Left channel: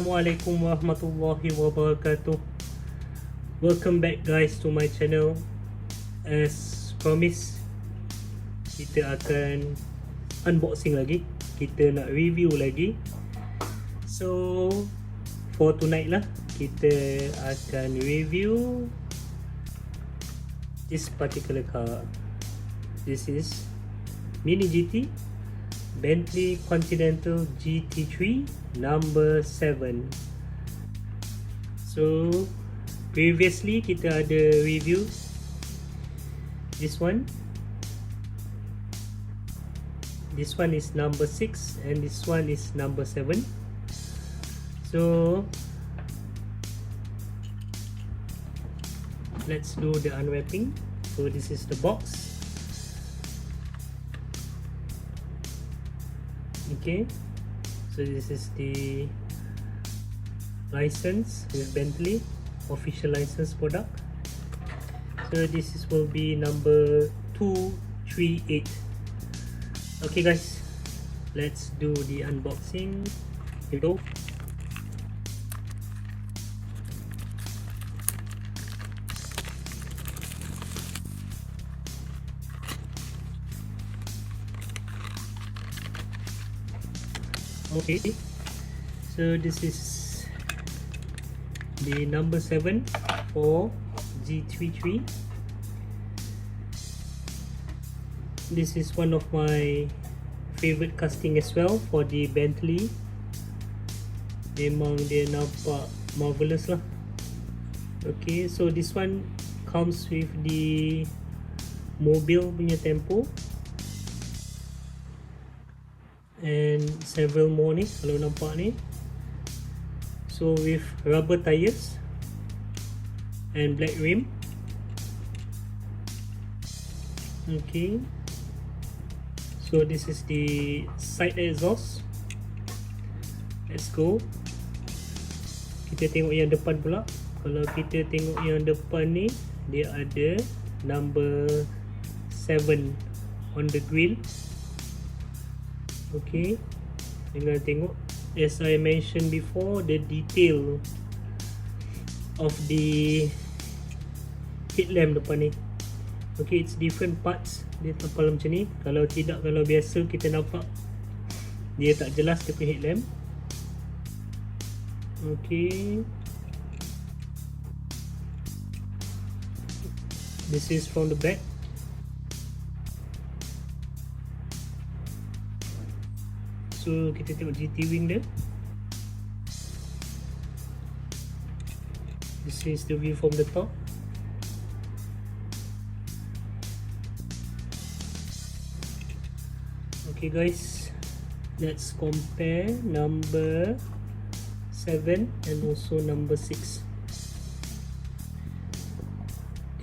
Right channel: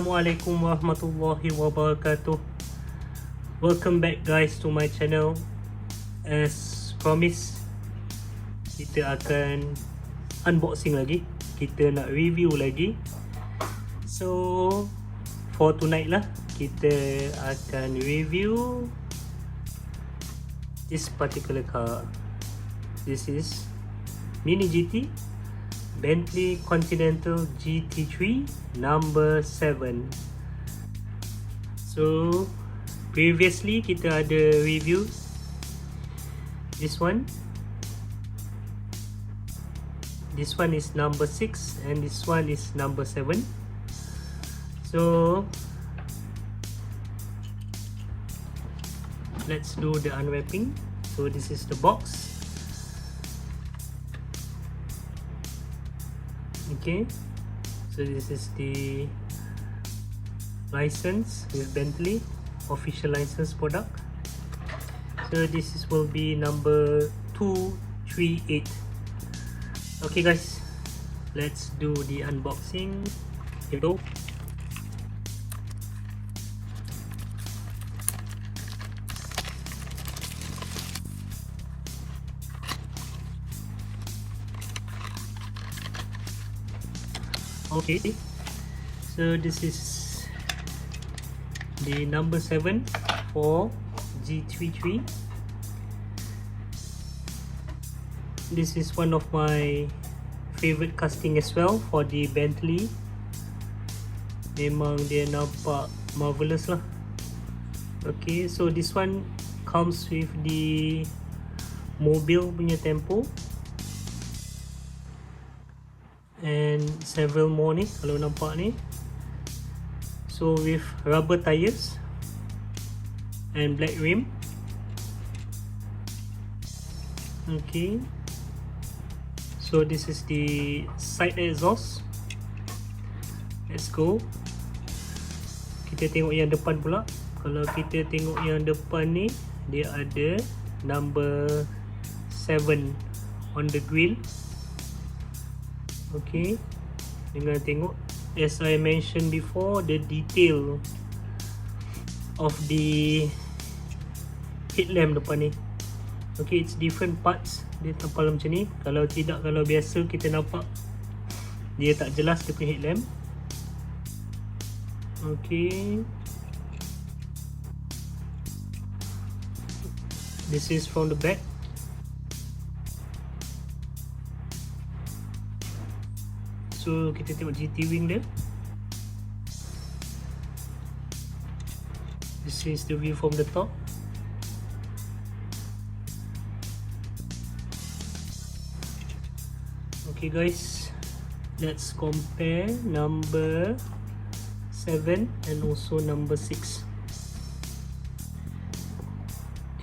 Assalamualaikum warahmatullahi wabarakatuh. Welcome back guys to my channel. As promised, kita akan unboxing lagi. Kita nak review lagi. So for tonight lah, kita akan review this particular car. This is Mini GT Bentley Continental GT3 number 7. So previously kita ada review this one. This one is number 6 and this one is number 7. So let's do the unwrapping. So this is the box. Okay, so this is the license with Bentley, official license product. So this will be number 238. Okay guys, let's do the unboxing. Here we go. Okay, so this is the number 7 for GT3. This is one of my favorite casting as well for the Bentley. Memang dia nampak marvelous lah. Okay, so this one comes with the mobile punya tempo and several more ni kalau nampak ni. So with rubber tires and black rim. Okay, so this is the side exhaust. Let's go. Kita tengok yang depan pula. Kalau kita tengok yang depan ni, dia ada number 7 on the grill. Okay, dengan tengok, as I mentioned before, the detail of the headlamp depan ni. Okay, it's different parts dia tapal macam ni. Kalau tidak, kalau biasa kita nampak dia tak jelas dia punya headlamp. Okay, this is from the back. So kita tengok GT wing dia. This is the view from the top. Okay guys, let's compare number 7 and also number 6.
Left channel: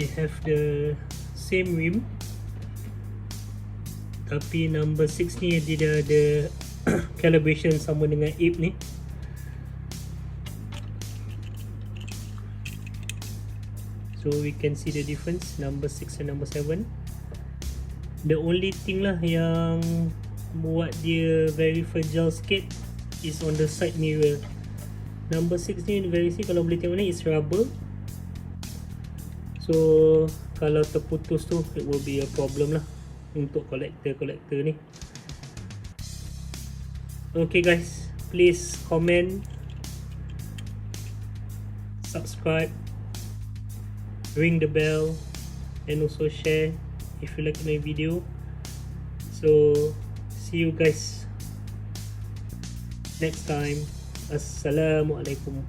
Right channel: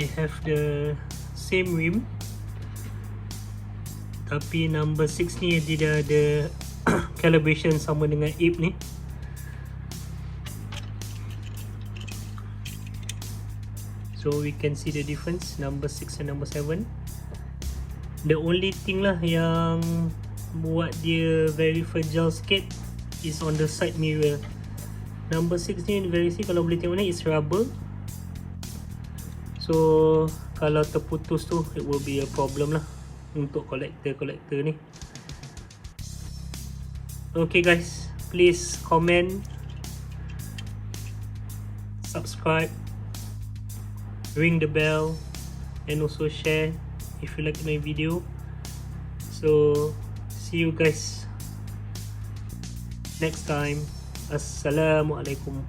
They have the same rim, tapi number 6 ni dia dah ada calibration sama dengan Ape ni. So we can see the difference, number 6 and number 7. The only thing lah yang buat dia very fragile sikit is on the side mirror. Number 6 ni very see, kalau boleh tengok ni, is rubber. So kalau terputus tu, it will be a problem lah untuk collector ni. Okay guys, please comment, subscribe, ring the bell and also share if you like my video. So see you guys next time. Assalamualaikum.